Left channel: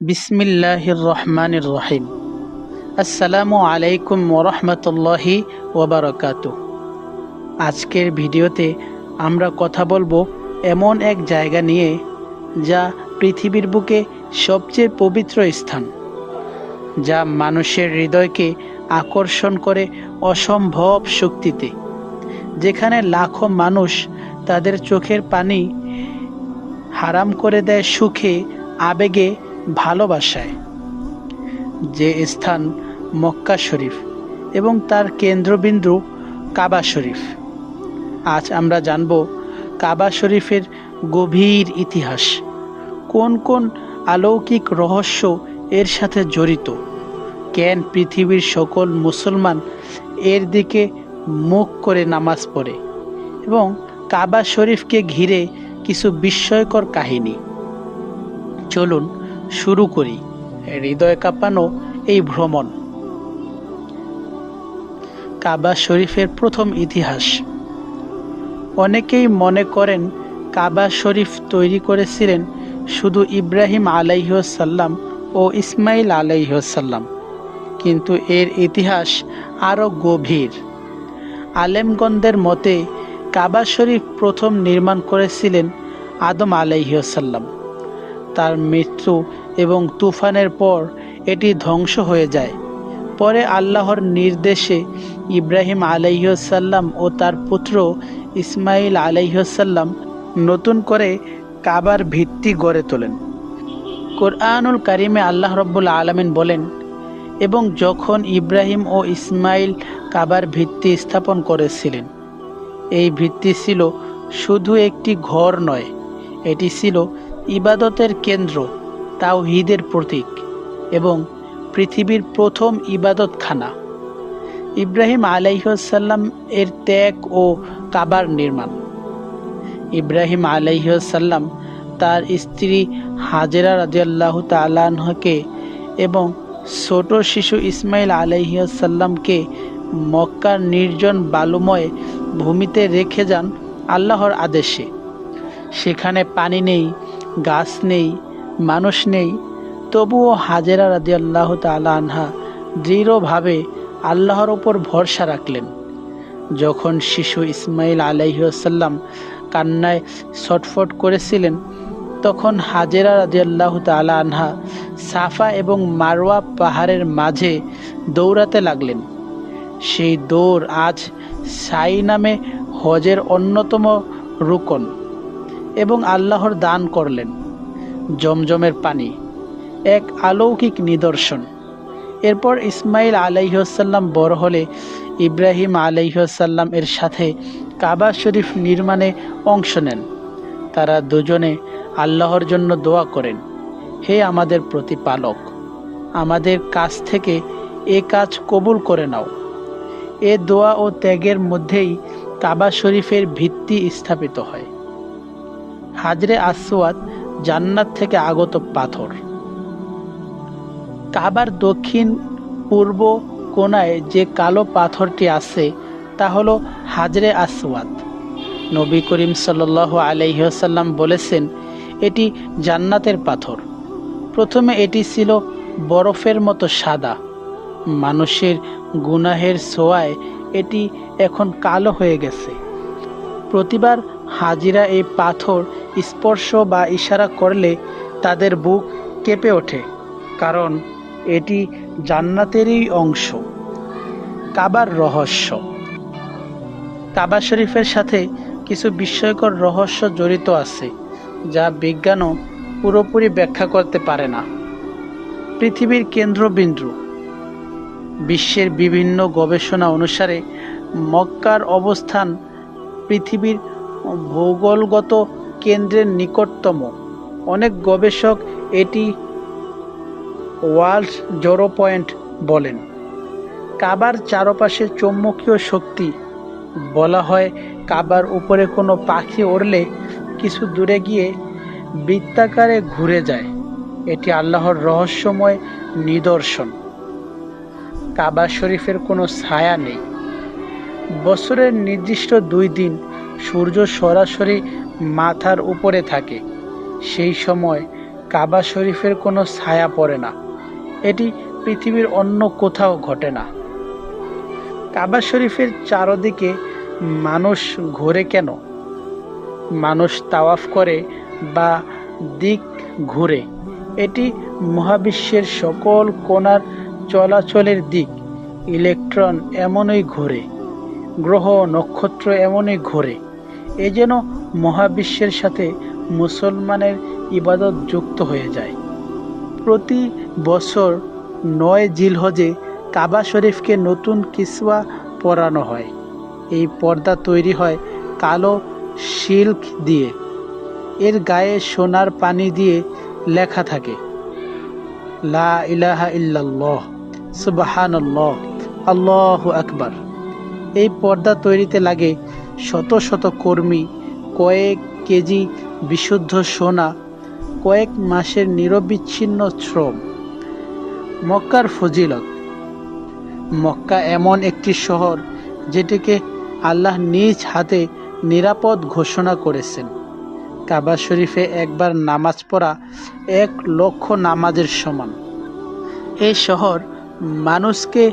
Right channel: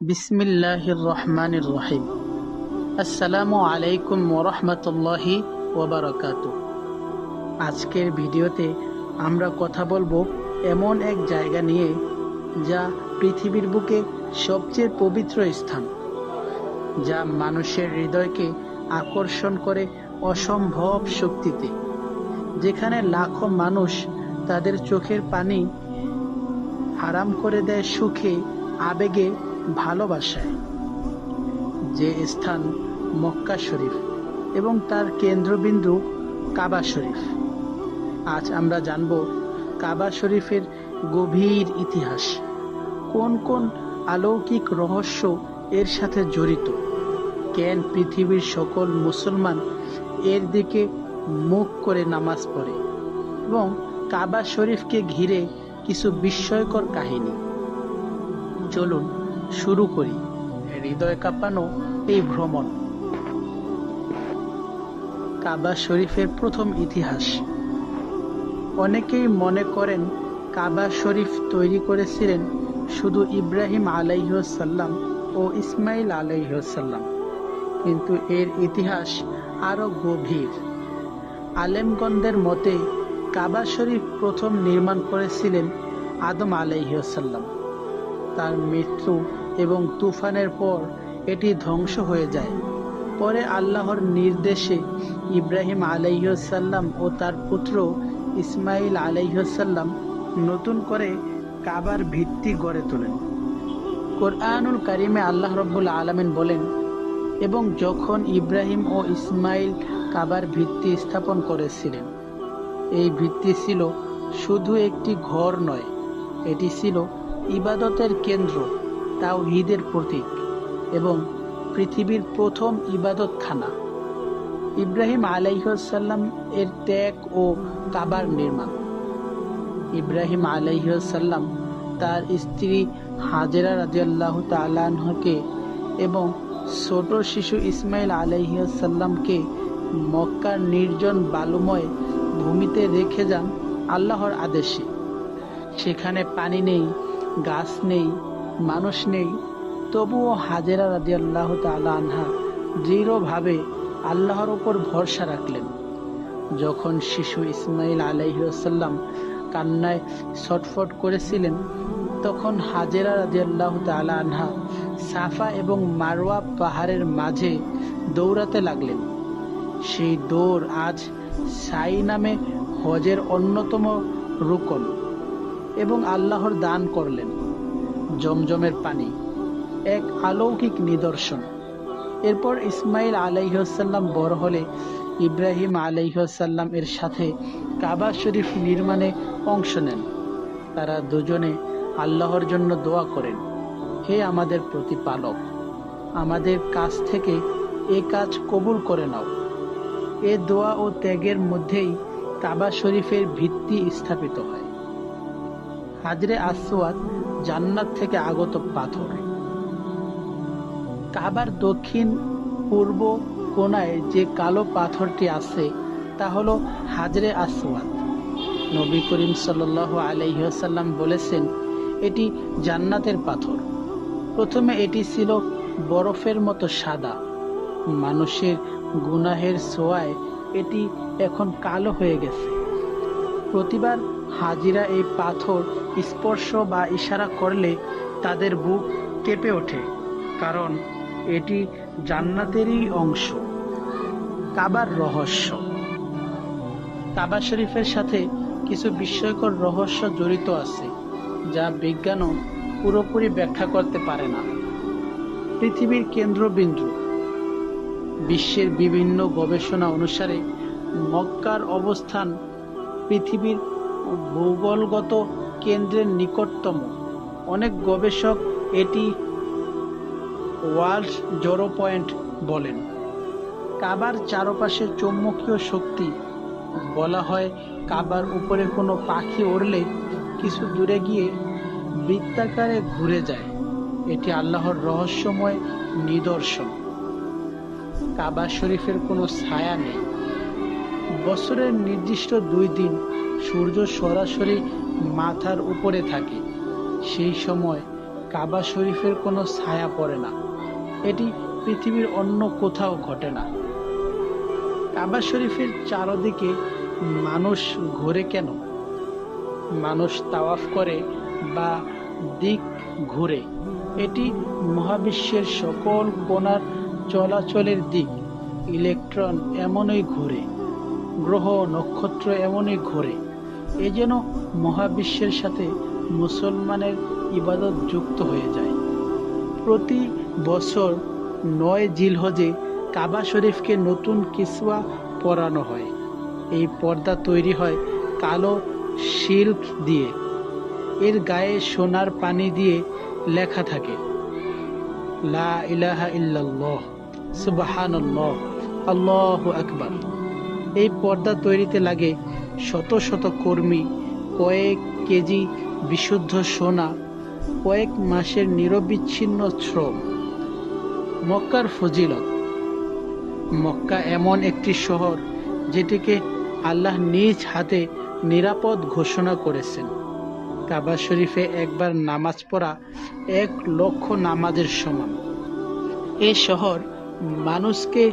বিসমিল্লাহির রহমানির রহিম। আসসালামু আলাইকুম ওরহমতুল্লাহি ওবারাকাতুহু। আজকের ভিডিওতে আমরা কথা বলবো এমন এক জায়গা নিয়ে যা পৃথিবীর বুকে সবচেয়ে পবিত্র স্থান, যা মানুষের হৃদয়কে আকর্ষণ করে অসম্ভব শক্তিতে, যেখানে লাখো মানুষ তাদের চোখের পানি হারাম করে দেয় সুখে, আবেগে, ভালোবাসায়। যে স্থান মক্কা শরীফ এবং তার কেন্দ্রবিন্দু কাবা শরীফ। আজ আমরা জানব কাবা শরীফের গভীর ইতিহাস, কোন কোন অলৌকিক রহস্য এর সাথে জড়িত, কেন পৃথিবীর সকল মুসলমান এর দিকে মুখ করে নামাজ পড়ে, এবং কাবা শরীফকে ঘিরে কিছু বিস্ময়কর কাহিনী। চলুন শুরু করি হৃদয় কাঁপানো এই ভ্রমণ। কাবা শরীফের প্রথম ইতিহাস। অনেকেই মনে করেন কাবা শরীফ তৈরি করেছিলেন শুধু ইব্রাহিম আলাইহিসসালাম ও ইসমাইল আলাইহিসসালাম, কিন্তু এর ইতিহাস আরও গভীর। আলেমগণদের মতে কাবা শরীফ প্রথম নির্মাণ করেছিলেন আদম আলাইহিসসালাম। তার মৃত্যু এবং তুফানের পর এটি ধ্বংস হয়ে যায়। পরে আল্লাহর নির্দেশে ইব্রাহিম আলাইহিসসালাম ও তার পুত্র ইসমাইল আলাইহিসসালাম নতুন করে কাবার ভিত্তি গড়ে তোলেন। কোরআনুল কারিমে আল্লাহ রাব্বুল আলামিন বলেন, এবং যখন ইব্রাহিম ও ইসমাইল কাবার ভিত্তি স্থাপন করেছিলেন, এই ভিত্তি ছিল শুধু একটি ঘর নয়, এটি ছিল ইবাদতের কেন্দ্র, তাওহীদের প্রতীক এবং পৃথিবীর প্রথম ইবাদতখানা। ইব্রাহিম আলাইহিসসালাম এর ত্যাগ ও কাবার নির্মাণ। ইব্রাহিম আলাইহিসসালাম তার স্ত্রী হাজেরা রাদিয়াল্লাহু তাআলা আনহাকে এবং ছোট শিশু ইসমাইল আলাইহিসসালামকে মক্কার নির্জন বালুময় ভূমিতে রেখে যান আল্লাহর আদেশে। সেখানে পানি নেই, গাছ নেই, মানুষ নেই, তবুও হাজেরা রাদিয়াল্লাহু তাআলা আনহা দৃঢ়ভাবে আল্লাহর ওপর ভরসা রাখলেন। যখন শিশু ইসমাইল আলাইহিসসালাম কান্নায় ছটফট করেছিলেন, তখন হাজেরা রাদিয়াল্লাহু তাআলা আনহা সাফা এবং মারওয়া পাহাড়ের মাঝে দৌড়াতে লাগলেন। সেই দৌড় আজ সাই নামে হজের অন্যতম রুকন। এবং আল্লাহর দান করলেন জমজমের পানি, এক অলৌকিক নিদর্শন। এরপর ইসমাইল আলাইহিসসালাম বড় হলে ইব্রাহিম আলাইহিসসালাম এর সাথে কাবা শরীফ নির্মাণে অংশ নেন। তারা দুজনে আল্লাহর জন্য দোয়া করেন, হে আমাদের প্রতিপালক, আমাদের কাছ থেকে এ কাজ কবুল করে নাও। এ দোয়া ও ত্যাগের মধ্যেই কাবা শরীফের ভিত্তি স্থাপিত হয়। হাজরে আসওয়াদ জান্নাত থেকে আগত পাথর। কাবার দক্ষিণ পূর্ব কোণায় যে কালো পাথরটি আছে তা হলো হাজরে আসওয়াদ। নবী করিম সাল্লাল্লাহু আলাইহি ওয়াসাল্লাম বলেছেন, এটি জান্নাতের পাথর। প্রথমে এটি ছিল বরফের মতো সাদা। মানুষের গুনাহের ছোঁয়ায় এটি এখন কালো হয়ে গেছে। প্রতিবার হাজিরা এই পাথর স্পর্শ বা ইশারা করলে তাদের বুক কেঁপে ওঠে, কারণ এটি জান্নাতেরই অংশ। কাবার রহস্য। কাবা শরীফের সাথে কিছু বিস্ময়কর রহস্য জড়িত আছে, যা বিজ্ঞানও পুরোপুরি ব্যাখ্যা করতে পারে না। পৃথিবীর কেন্দ্রবিন্দু। বিশ্বের বিভিন্ন গবেষণা অনুসারে মক্কার অবস্থান পৃথিবীর ভূগোলগত কেন্দ্রের নিকটতম। অনেক গবেষক এটি ওয়ার্ল্ড জিরো পয়েন্ট বলেন। কাবার চারপাশে চৌম্বকীয় শক্তি। বলা হয় কাবার উপরে কোনো পাখি উড়লে কিছু দূরে গিয়ে বৃত্তাকারে ঘুরে যায়। এটি আল্লাহর রহস্যময় নিদর্শন। কাবা শরীফের কোনো ছায়া নেই। বছরের নির্দিষ্ট 2 দিন সূর্য সরাসরি মাথার উপরে থাকে। সেই সময় কাবা শরীফের কোনো ছায়া পড়ে না। এটি পৃথিবীর অন্য কোথাও ঘটে না। কাবা শরীফের চারদিকে মানুষ ঘোরে কেন? মানুষ তাওয়াফ করে বা দিক ঘুরে। এটি মহাবিশ্বের সকল কোণার চলাচলের দিক। ইলেকট্রন এমনই ঘোরে, গ্রহ নক্ষত্র এমনই ঘোরে। এ যেন মহাবিশ্বের সাথে মুসলমানের ইবাদত যুক্ত হয়ে যায়। প্রতি বছর ৯ জিলহজে কাবা শরীফকে নতুন কিসওয়া পরানো হয়। এই পর্দা তৈরি হয় কালো সিল্ক দিয়ে। এর গায়ে সোনার পানি দিয়ে লেখা থাকে লা ইলাহা ইল্লাল্লাহ, সুবহানাল্লাহ, আল্লাহু আকবার। এই পর্দা তৈরিতে লাগে শত শত কর্মী, কয়েক কেজি বিশুদ্ধ সোনা, কয়েক মাসের নিরবিচ্ছিন্ন শ্রম। মক্কার ফজিলত। মক্কা এমন একটি শহর যেটিকে আল্লাহ নিজ হাতে নিরাপদ ঘোষণা করেছেন। কাবা শরীফে একবার নামাজ পড়া ১,০০,০০০ নামাজের সমান। এই শহর মানুষকে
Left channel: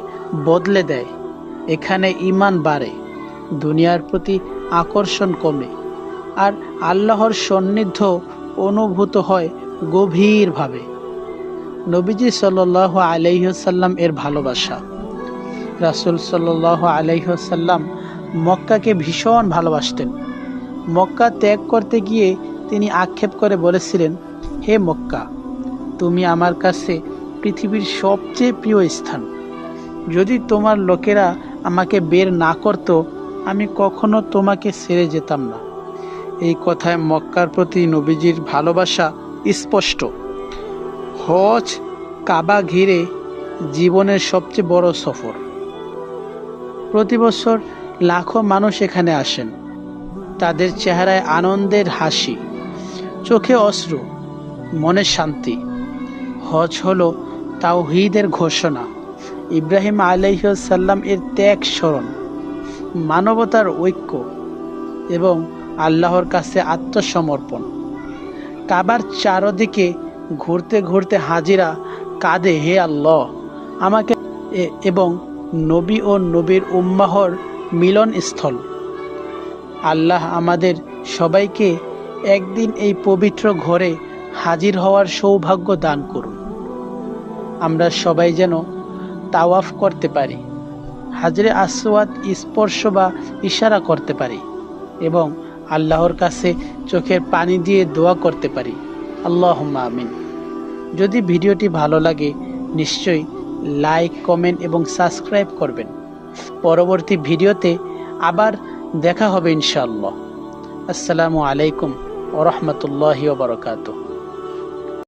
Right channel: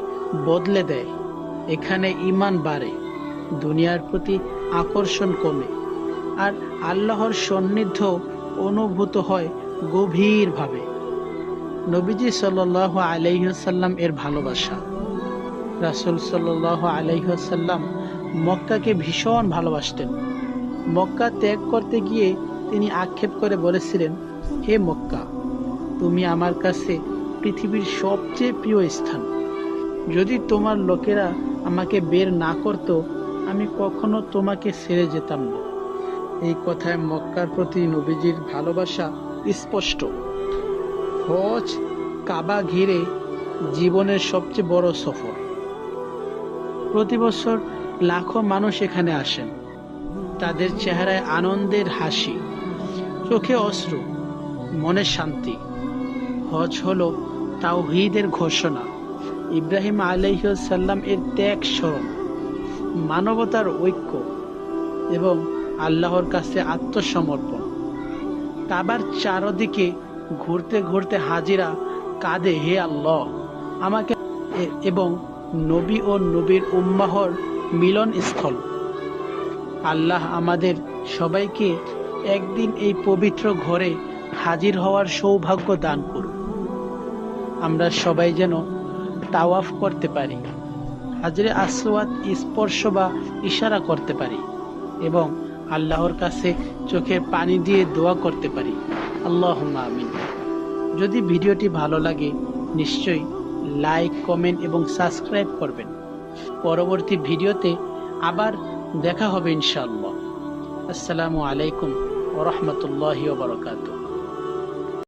বদলে দেয়। এখানে ঈমান বাড়ে, দুনিয়ার প্রতি আকর্ষণ কমে, আর আল্লাহর সান্নিধ্য অনুভূত হয় গভীরভাবে। নবীজি সাল্লাল্লাহু আলাইহি ওয়াসাল্লাম এর ভালোবাসা। রাসূল সাল্লাল্লাহু আলাইহি ওয়াসাল্লাম মক্কাকে ভীষণ ভালোবাসতেন। মক্কা ত্যাগ করতে গিয়ে তিনি আক্ষেপ করে বলেছিলেন, হে মক্কা, তুমি আমার কাছে পৃথিবীর সবচেয়ে প্রিয় স্থান। যদি তোমার লোকেরা আমাকে বের না করত, আমি কখনো তোমাকে ছেড়ে যেতাম না। এই কথায় মক্কার প্রতি নবীজির ভালোবাসা স্পষ্ট। হজ, কাবা ঘিরে জীবনের সবচেয়ে বড় সফর। প্রতি বছর লাখো মানুষ এখানে আসেন। তাদের চেহারায় আনন্দের হাসি, চোখে অশ্রু, মনে শান্তি। হজ হলো তাওহীদের ঘোষণা, ইব্রাহিম আলাইহিস সালাম এর ত্যাগ স্মরণ, মানবতার ঐক্য এবং আল্লাহর কাছে আত্মসমর্পণ। কাবার চারদিকে ঘুরতে ঘুরতে হাজিরা কাঁদে, হে আল্লাহ আমাকে, এবং নবী ও নবীর উম্মাহর মিলনস্থল। আল্লাহ আমাদের সবাইকে একদিন এই পবিত্র ঘরে হাজির হওয়ার সৌভাগ্য দান করুন। আমরা সবাই যেন তাওয়াফ করতে পারি, হাজরে আসওয়াদ স্পর্শ বা ইশারা করতে পারি এবং আল্লাহর কাছে চোখের পানি দিয়ে দোয়া করতে পারি। আল্লাহুম্মা আমিন। যদি ভিডিওটি ভালো লাগে নিশ্চয়ই লাইক, কমেন্ট এবং সাবস্ক্রাইব করবেন। পরবর্তী ভিডিওতে আবার দেখা হবে ইনশাআল্লাহ। আসসালামু আলাইকুম ওয়া রাহমাতুল্লাহি ওয়া বারাকাতুহু।